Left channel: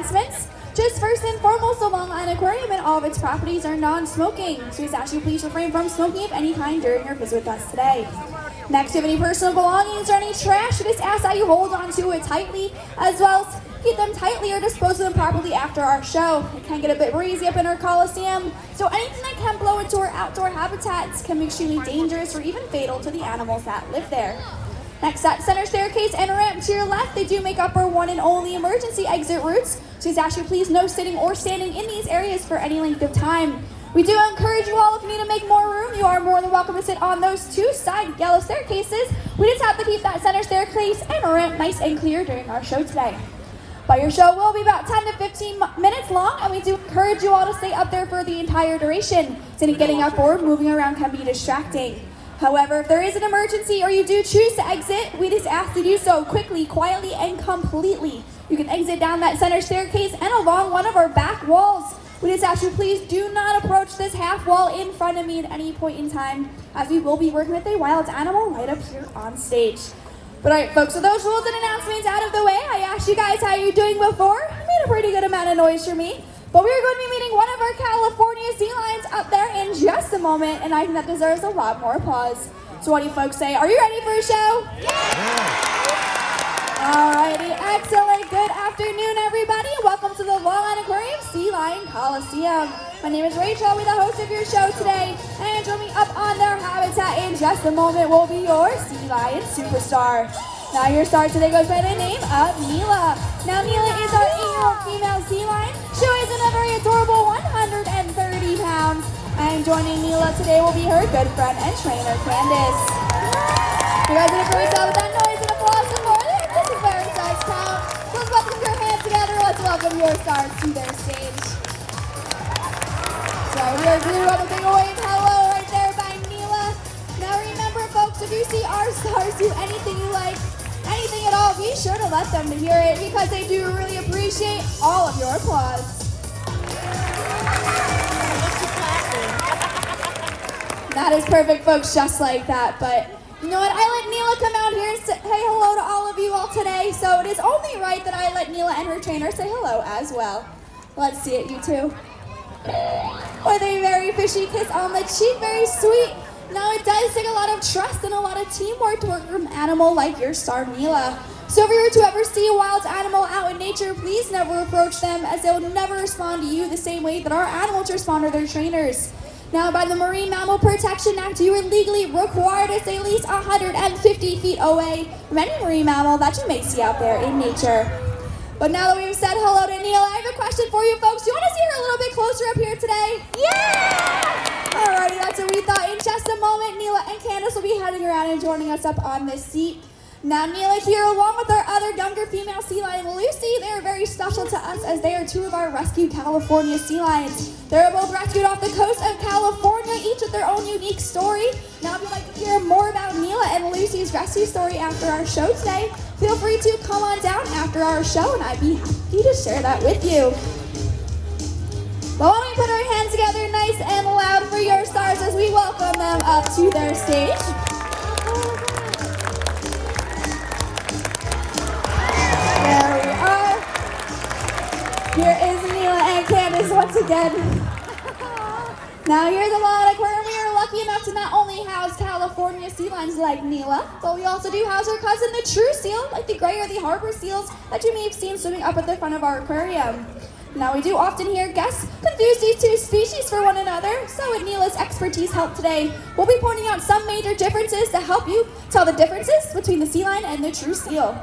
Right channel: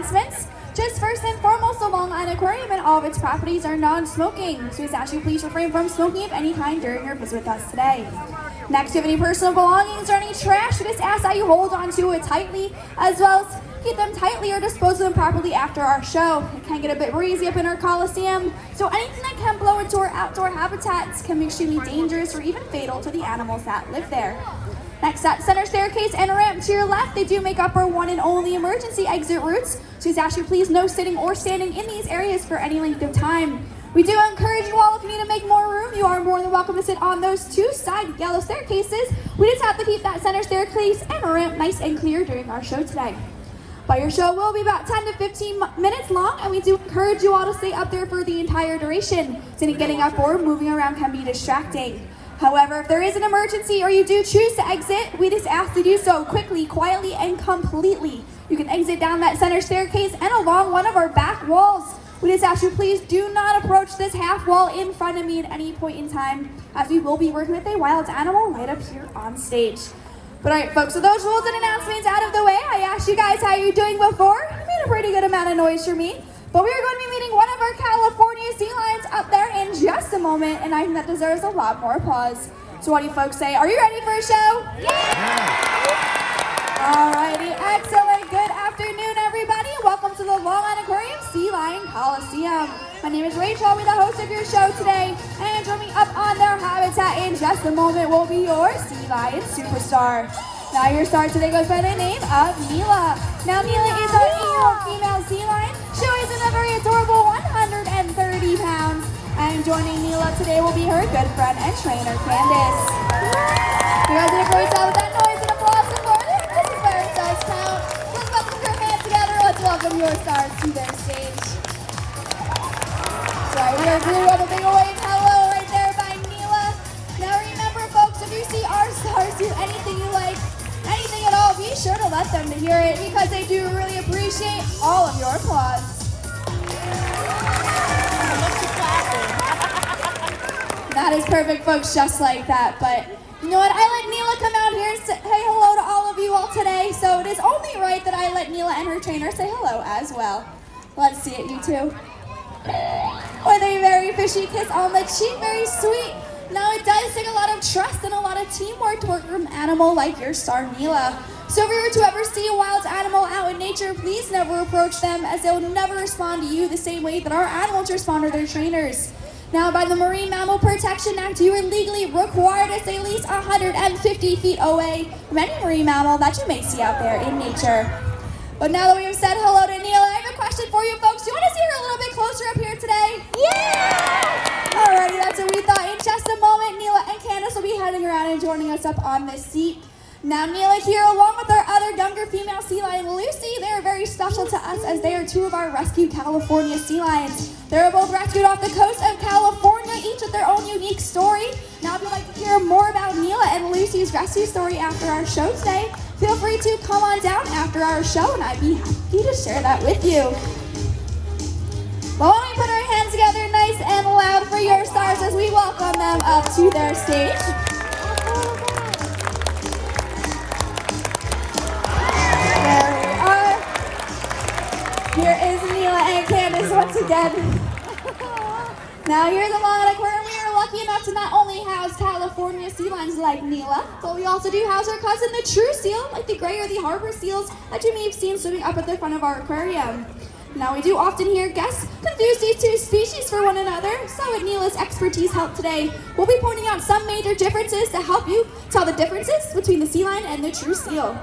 announcements. Just first and foremost, the Long Island Aquarium and all of its properties are non-smoking, so actually please refrain from smoking of any kind during your visit with us today. Next, if you have any personal belongings or any trash, we just ask that you hold on to it tightly, as well as keep them tightly or dispose of them properly after our show. It can get a bit breezy up in our Coliseum, so anything that can blow into our outdoor habitats can be extremely dangerous or even fatal to the animals that live there. Next, that center staircase and ramp to your left, they do make up our one and only emergency exit routes, so actually please no sitting or standing in these areas for any length of time. We do encourage you all, if you need to make more room, you are more than welcome to sit on those two side yellow staircases. We just have to keep that center staircase and ramp nice and clear during our show today. But your show will be about 10 to 15 minutes long, and we do encourage you all to stay up there for the entire duration, since getting up or moving around can be distracting. However, if there is an emergency or you do choose to exit, we just ask to do so quickly, quietly, and completely. You can exit down that center staircase and along one of our back walls. We just ask you please do not approach this half wall in front of me at any point in time, as we will be working with a wild animal right up here on stage. But alright folks, so those rules and announcements out of the way, I asked you guys how you're doing before. It made a pretty good amount of noise for me. But we're going to be meeting one of our California sea lions up there in just a moment, and I think that deserves a lot more applause. So what do you folks say? Are you ready for a show? Yeah! Alrighty, excellent. Good afternoon, everybody. Welcome to the Long Island Aquarium Sea Lion Coliseum. My name is Rachel. I'll be the host of your show today. And joining up on their habitat in just a moment will be your sea lion superstar. Now your star today goes by the name of Nila. Now Nila is our 8-year-old female sea lion. She weighs in a very adorable 130 pounds. And joining Nila today will be her good friend and trainer, Candace. You guys ready for yourself with that noise and applause from here? This is where it does count. Let's welcome your fans together. Let's welcome your stars to their stage. So we are really rubbing away to hello right there by Nila. Now remember folks, if you see our stars do anything you like, anything at all, be sure to let them to hear it, because they do really appreciate all of your applause. That is perfect, folks, just like that. But you know what? I let Nila come out here and say hello to all of you all today, so it is only right that I let Nila and her trainer say hello as well. Let's see it, you two. With a very fishy kiss on the cheek, very sweet. Now it does take a lot of trust and a lot of teamwork to work with an animal like your star Nila. So if you were to ever see a wild animal out in nature, please never approach them, as they'll never respond to you the same way that our animals respond to their trainers. Now by the Marine Mammal Protection Act, you are legally required to stay at least 150 feet away from any marine mammal that you may see out there in nature. But now that we've said hello to Nila, I have a question for you folks. Do you want to see her a little bit closer up here today? Yeah! Alrighty, that's what we thought. In just a moment, Nila and Candace will be heading around and joining us up on this seat. Now Nila here, along with our other younger female sea lion, Lucy, they are very special to us, as they are two of our rescued California sea lions. They were both rescued off the coast of California, each with their own unique story. Now if you'd like to hear more about Nila and Lucy's rescue story after our show today, feel free to come on down after our show, and I'd be happy to share that with you. Well, why don't we put our hands together nice and loud for your stars as we welcome them up to their stage. There we are. Here is Nila and Candace once again. Now here's the Long Island Aquarium. We are lucky enough to not only house California sea lions like Nila, but we also do house our cousin, the true seal, like the gray or the harbor seals that you may have seen swimming up at the front of our aquarium. Now we do often hear guests confuse these two species for one another, so with Nila's expertise help today, we'll be pointing out some major differences to help you tell the differences between the sea lion and the true seal.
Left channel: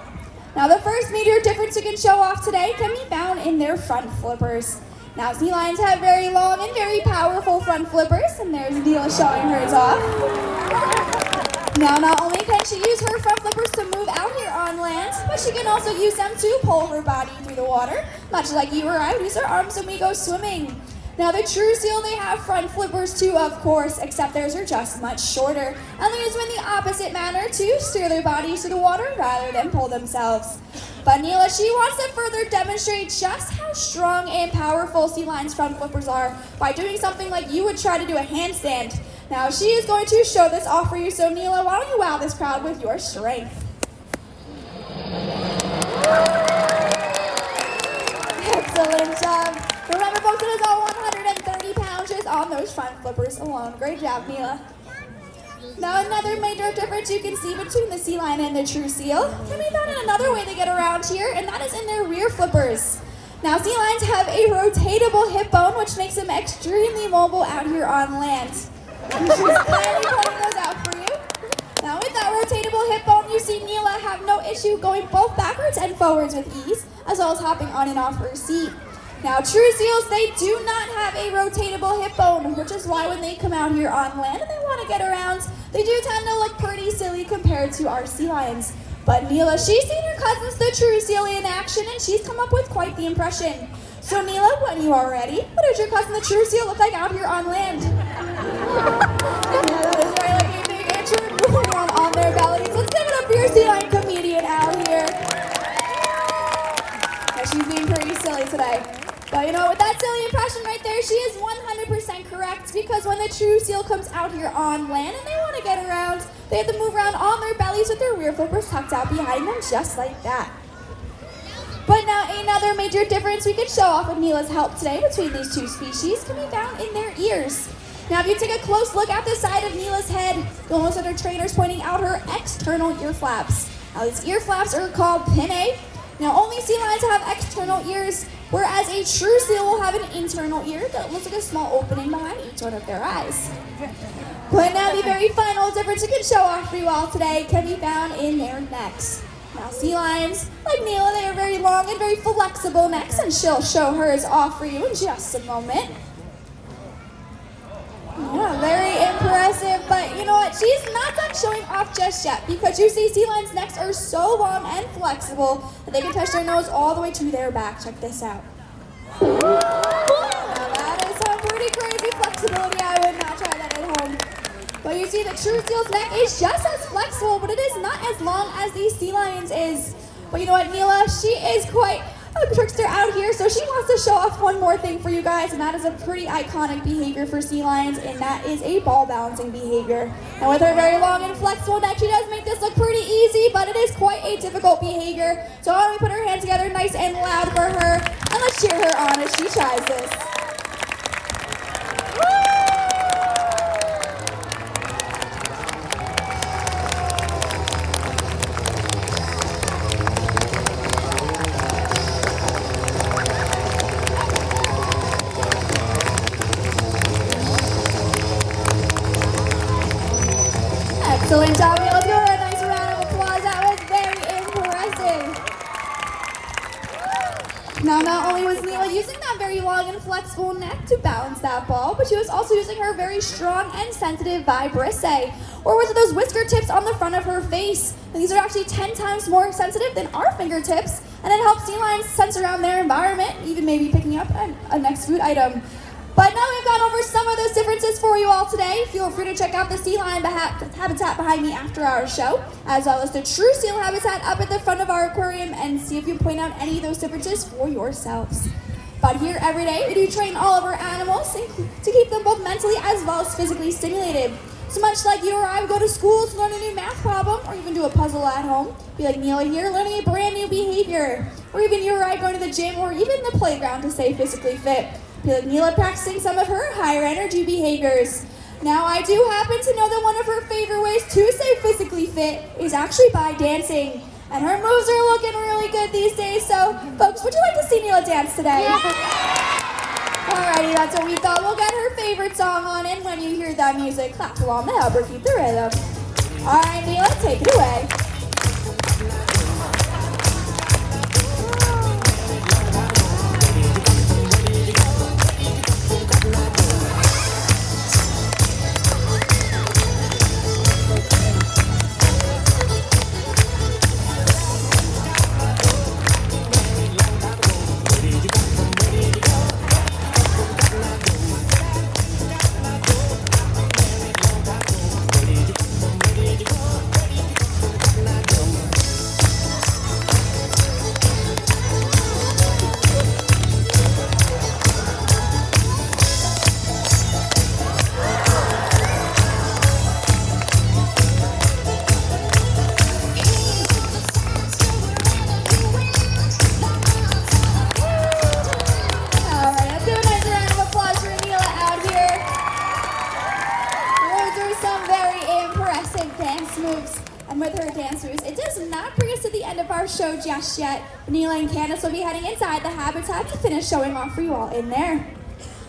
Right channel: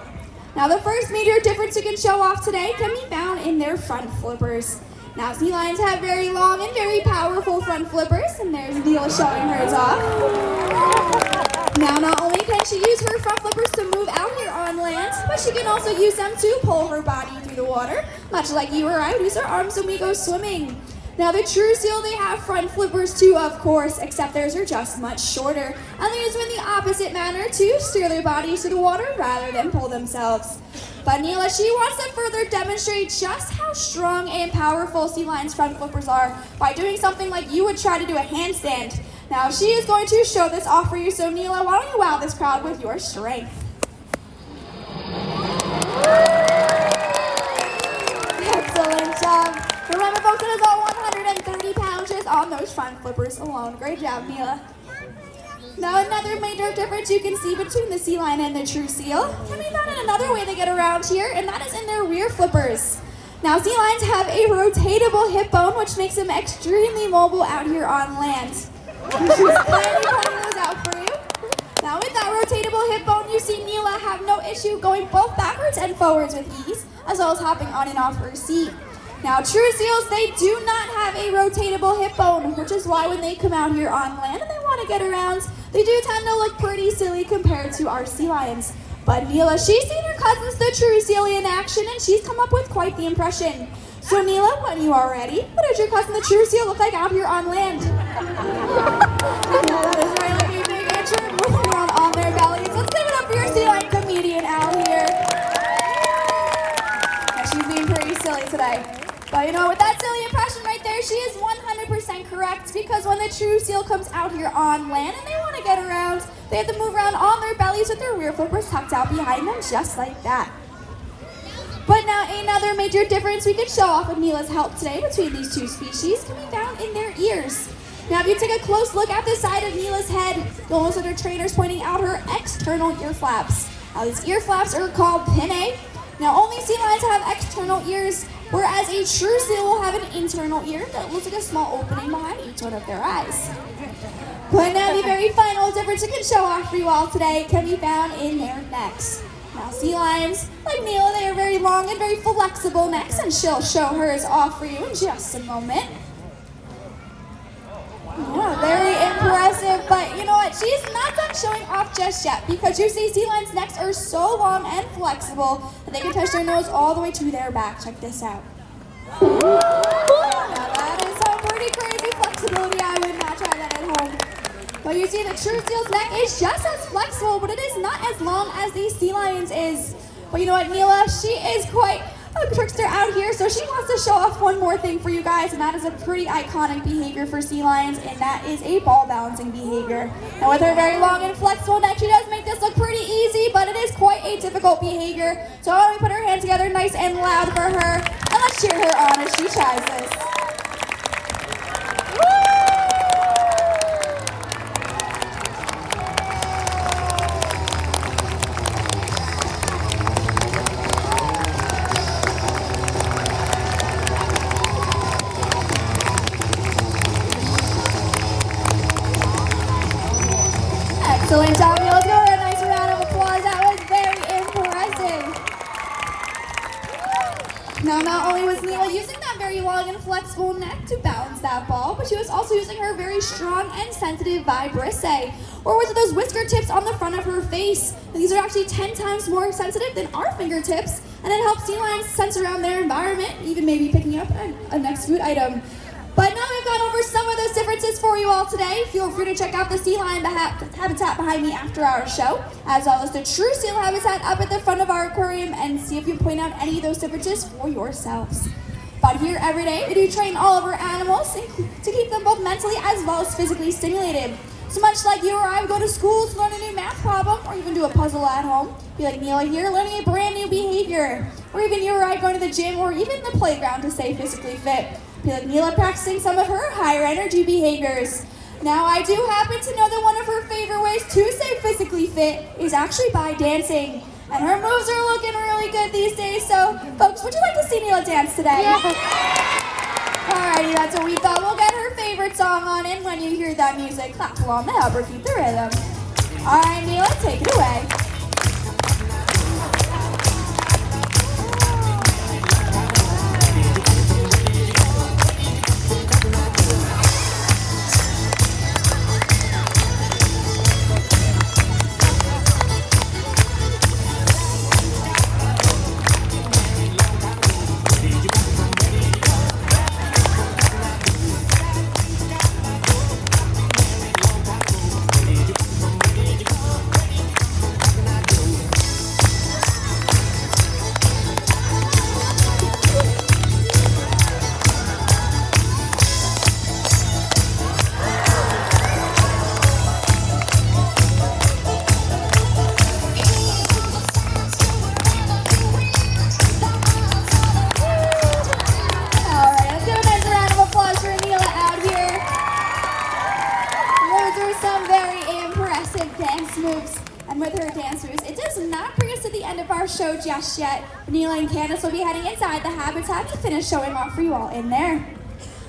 Now the first major difference we can show off today can be found in their front flippers. Now sea lions have very long and very powerful front flippers, and there's Nila showing hers off. Now not only can she use her front flippers to move out here on land, but she can also use them to pull her body through the water, much like you or I use our arms when we go swimming. Now the true seal, they have front flippers too, of course, except theirs are just much shorter, and they use them in the opposite manner to steer their bodies through the water rather than pull themselves. But Nila, she wants to further demonstrate just how strong and powerful sea lions' front flippers are by doing something like you would try to do a handstand. Now she is going to show this off for you, so Nila, why don't you wow this crowd with your strength? Excellent job. Remember, folks, it is all 130 pounds just on those front flippers along. Great job, Nila. Now, another major difference you can see between the sea lion and the true seal can be found in another way they get around here, and that is in their rear flippers. Now, sea lions have a rotatable hip bone, which makes them extremely mobile out here on land. She's clearly pointing those out for you. Now, with that rotatable hip bone, you see Nila have no issue going both backwards and forwards with ease, as well as hopping on and off her seat. Now, true seals, they do not have a rotatable hip bone, which is why when they come out here on land and they want to get around, they do tend to look pretty silly compared to our sea lions. But Nila, she's seen her cousins, the true seal, in action, and she's come up with quite the impression. So Nila, when you are ready, what does your cousin, the true seal, look like out here on land? That is right, like a big answer, moving around on their bellies. Let's give it up for your sea lion comedian out here. Yeah, she's being pretty silly today. But you know, with that silly impression right there, she is 100% correct, because when the true seal comes out here on land and they want to get around, they have to move around on their bellies with their rear flippers tucked out behind them, just like that. But now, another major difference we could show off with Nila's help today between these two species can be found in their ears. Now, if you take a close look at the side of Nila's head, you'll notice that her trainers pointing out her external ear flaps. Now, these ear flaps are called pinnae. Now, only sea lions have external ears, whereas a true seal will have an internal ear that looks like a small opening behind each one of their eyes. But now, the very final difference we can show off for you all today can be found in their necks. Now, sea lions, like Nila, they are very long and very flexible necks, and she'll show hers off for you in just a moment. Yeah, very impressive, but you know what? She's not done showing off just yet, because you see sea lions' necks are so long and flexible that they can touch their nose all the way to their back. Check this out. Now, that is some pretty crazy flexibility. I would not try that at home. But you see, the true seal's neck is just as flexible, but it is not as long as the sea lion's is. But you know what, Nila? She is quite a trickster out here, so she wants to show off one more thing for you guys, and that is a pretty iconic behavior for sea lions, and that is a ball balancing behavior. And with her very long and flexible neck, she does make this look pretty easy, but it is quite a difficult behavior. So why don't we put her hands together nice and loud for her, and let's cheer her on as she tries this. Excellent job, Nila. Let's give her a nice round of applause. That was very impressive. Now, not only was Nila using that very long and flexible neck to balance that ball, but she was also using her very strong and sensitive vibrissae, or with those whisker tips on the front of her face. And these are actually 10 times more sensitive than our fingertips, and it helps sea lions sense around their environment, even maybe picking up a next food item. But now we've gone over some of those differences for you all today. Feel free to check out the sea lion habitat behind me after our show, as well as the true seal habitat up at the front of our aquarium, and see if you point out any of those differences for yourselves. But here every day, we do train all of our animals to keep them both mentally as well as physically stimulated. So much like you or I would go to school to learn a new math problem, or even do a puzzle at home, be like Nila here, learning a brand new behavior. Or even you or I going to the gym or even the playground to stay physically fit. Be like Nila practicing some of her higher energy behaviors. Now, I do happen to know that one of her favorite ways to stay physically fit is actually by dancing. And her moves are looking really good these days, so folks, would you like to see Nila dance today? Yeah. Alrighty, that's what we thought. We'll get her favorite song on, and when you hear that music, clap along to help her keep the rhythm. Alright, Nila, take it away. And with her dance moves, it does not bring us to the end of our show just yet. Nila and Candace will be heading inside the habitat to finish showing off for you all in there.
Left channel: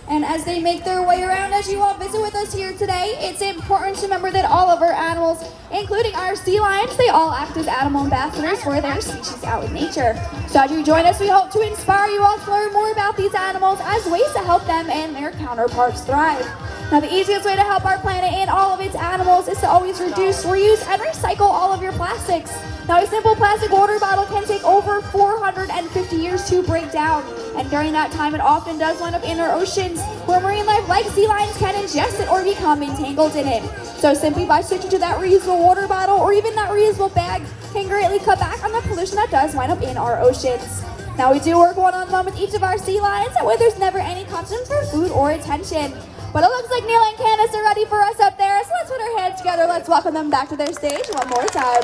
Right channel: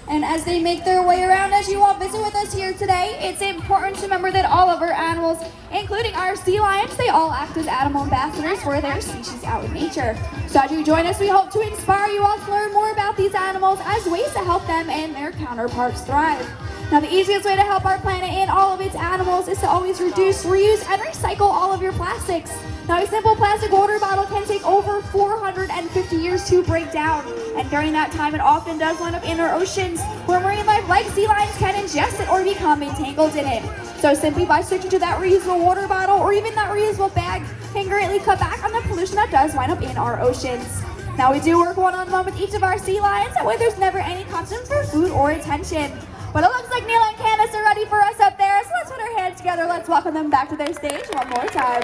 And as they make their way around, as you all visit with us here today, it's important to remember that all of our animals, including our sea lions, they all act as animal ambassadors for their species out in nature. So as you join us, we hope to inspire you all to learn more about these animals as ways to help them and their counterparts thrive. Now, the easiest way to help our planet and all of its animals is to always reduce, reuse, and recycle all of your plastics. Now, a simple plastic water bottle can take over 450 years to break down. And during that time, it often does wind up in our oceans, where marine life like sea lions can ingest it or become entangled in it. So simply by switching to that reusable water bottle or even that reusable bag can greatly cut back on the pollution that does wind up in our oceans. Now, we do work one-on-one with each of our sea lions, and where there's never any competition for food or attention. But it looks like Nila and Candace are ready for us up there, so let's put our hands together. Let's welcome them back to their stage one more time.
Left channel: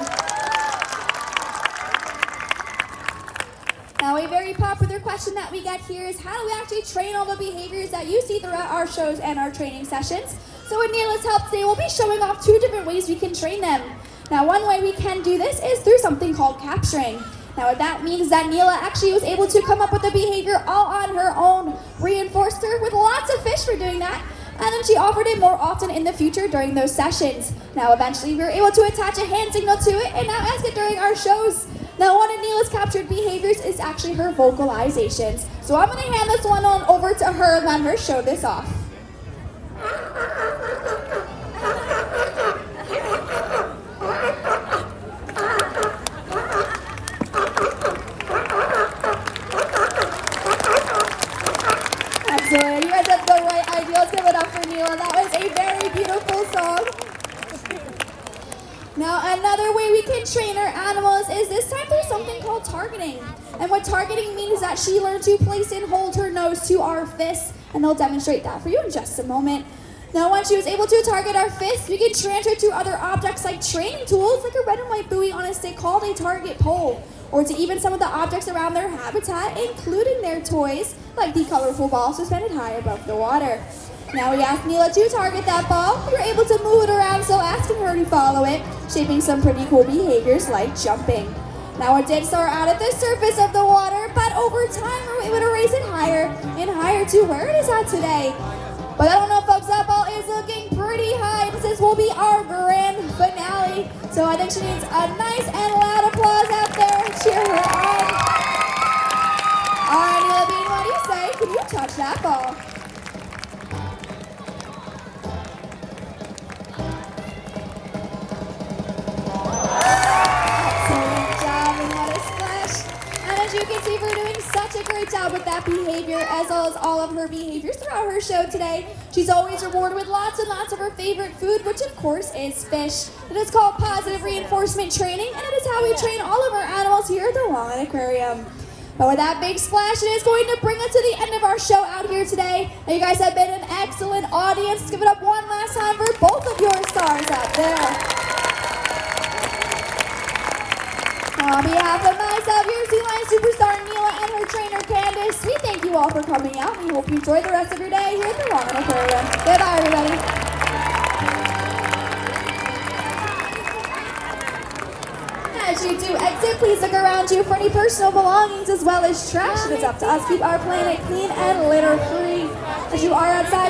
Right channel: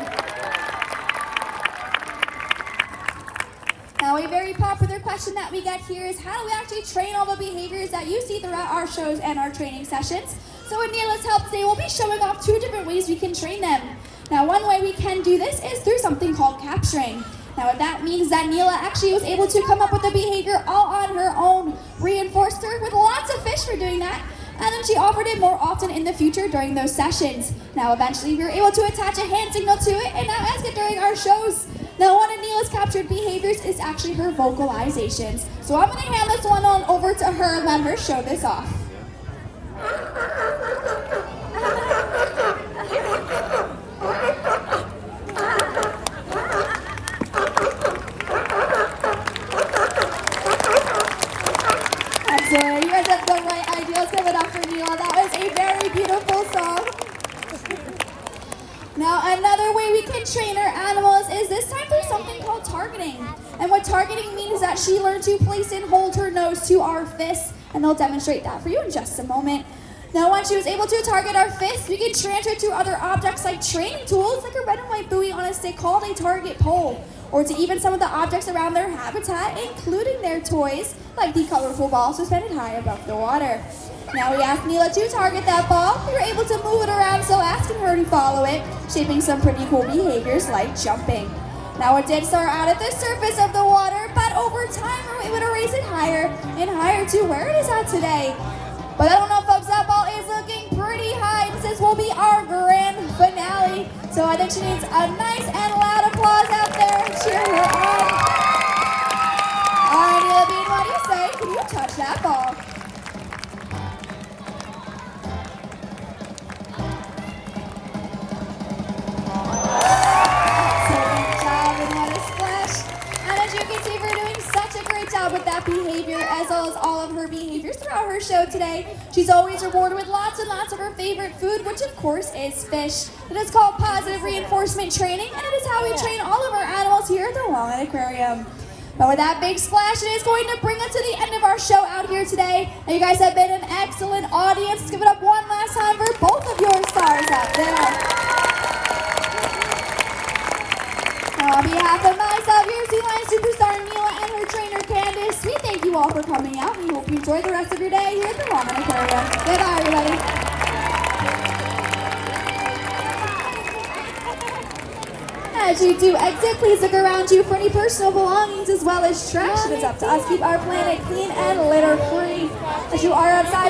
Now, a very popular question that we get here is, how do we actually train all the behaviors that you see throughout our shows and our training sessions? So with Nila's help today, we'll be showing off 2 different ways we can train them. Now, one way we can do this is through something called capturing. Now, that means that Nila actually was able to come up with the behavior all on her own, reinforced her with lots of fish for doing that, and then she offered it more often in the future during those sessions. Now, eventually, we were able to attach a hand signal to it and now ask it during our shows. Now, one of Nila's captured behaviors is actually her vocalizations. So I'm going to hand this one on over to her and let her show this off. Excellent. You guys have the right idea. Let's give it up for Nila. That was a very beautiful song. Now, another way we can train our animals is this time through something called targeting. And what targeting means is that she learned to place and hold her nose to our fists, and they'll demonstrate that for you in just a moment. Now, once she was able to target our fists, we can transfer to other objects like training tools, like a red and white buoy on a stick called a target pole, or to even some of the objects around their habitat, including their toys, like the colorful ball suspended high above the water. Now, we asked Nila to target that ball. We were able to move it around, so asking her to follow it, shaping some pretty cool behaviors like jumping. Now, it did start out at the surface of the water, but over time, we were able to raise it higher and higher to where it is at today. But I don't know, folks, that ball is looking pretty high. This will be our grand finale. So I think she needs a nice and loud applause out there. Cheer her on. All right, Nila Bean, what do you say? Can you touch that ball? You can see we're doing such a great job with that behavior, as well as all of her behaviors throughout her show today. She's always rewarded with lots and lots of her favorite food, which of course is fish. It is called positive reinforcement training, and it is how we train all of our animals here at the Long Island Aquarium. But with that big splash, it is going to bring us to the end of our show out here today. Now, you guys have been an excellent audience. Let's give it up one last time for both of your stars out there. On behalf of myself, your Sea Lion superstar Nila and her trainer Candace, we thank you all for coming out. We hope you enjoy the rest of your day here at the Long Island Aquarium. Goodbye, everybody. As you do exit, please look around you for any personal belongings as well as trash. It is up to us to keep our planet clean and litter free. As you are outside.